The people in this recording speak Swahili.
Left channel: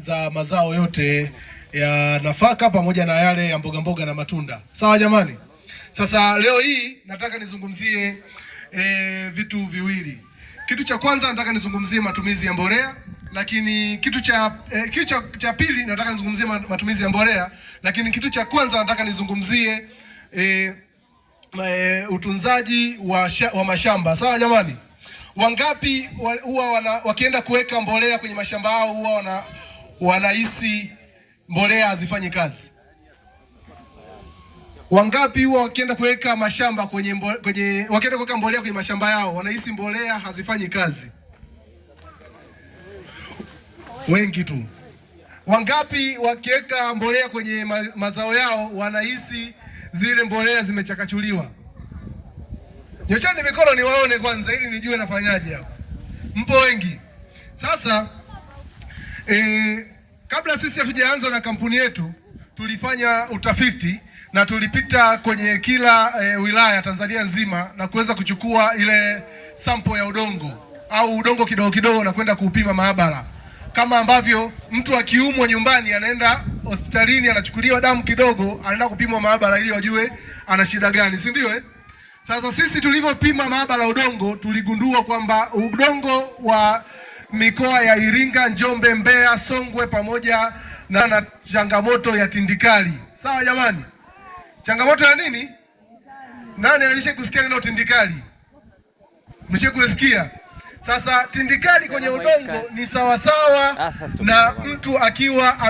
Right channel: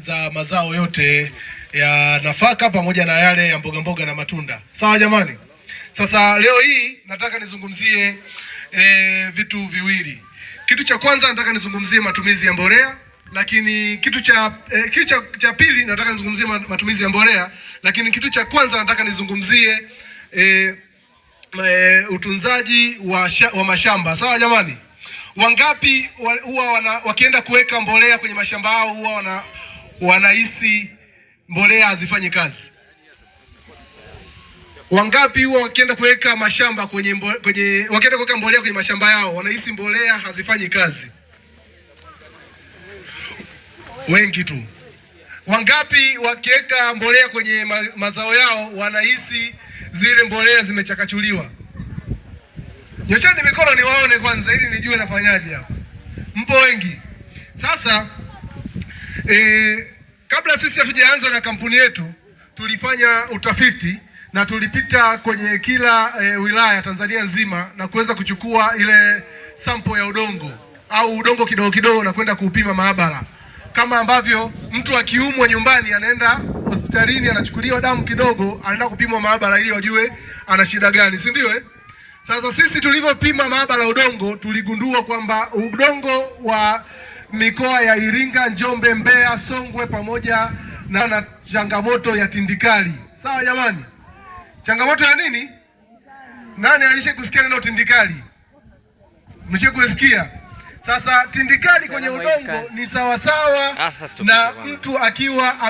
za mazao yote ya nafaka pamoja na yale ya mboga mboga na matunda. Sawa jamani? Sasa leo hii nataka nizungumzie vitu viwili. Kitu cha kwanza nataka nizungumzie matumizi ya mbolea, lakini kitu cha pili nataka nizungumzie matumizi ya mbolea, lakini kitu cha kwanza nataka nizungumzie utunzaji wa mashamba. Sawa jamani? Wangapi huwa wakienda kuweka mbolea kwenye mashamba yao huwa wanahisi mbolea hazifanyi kazi? Wangapi huwa wakienda kuweka wakienda kuweka mbolea kwenye mashamba yao wanahisi mbolea hazifanyi kazi? Wengi tu. Wangapi wakiweka mbolea kwenye mazao yao wanahisi zile mbolea zimechakachuliwa? Nyosheni mikono niwaone kwanza ili nijue nafanyaje hapo. Mpo wengi. Sasa kabla sisi hatujaanza na kampuni yetu tulifanya utafiti na tulipita kwenye kila wilaya Tanzania nzima na kuweza kuchukua ile sample ya udongo au udongo kidogo kidogo na kwenda kuupima maabara. Kama ambavyo mtu akiumwa nyumbani anaenda hospitalini anachukuliwa damu kidogo anaenda kupimwa maabara ili wajue ana shida gani, si ndio? Sasa sisi tulivyopima maabara udongo tuligundua kwamba udongo wa mikoa ya Iringa, Njombe, Mbeya, Songwe pamoja na changamoto ya tindikali. Sawa jamani? Changamoto ya nini? Nani alisha kusikia neno tindikali? Mshakusikia? Sasa tindikali kwenye udongo ni sawasawa na mtu akiwa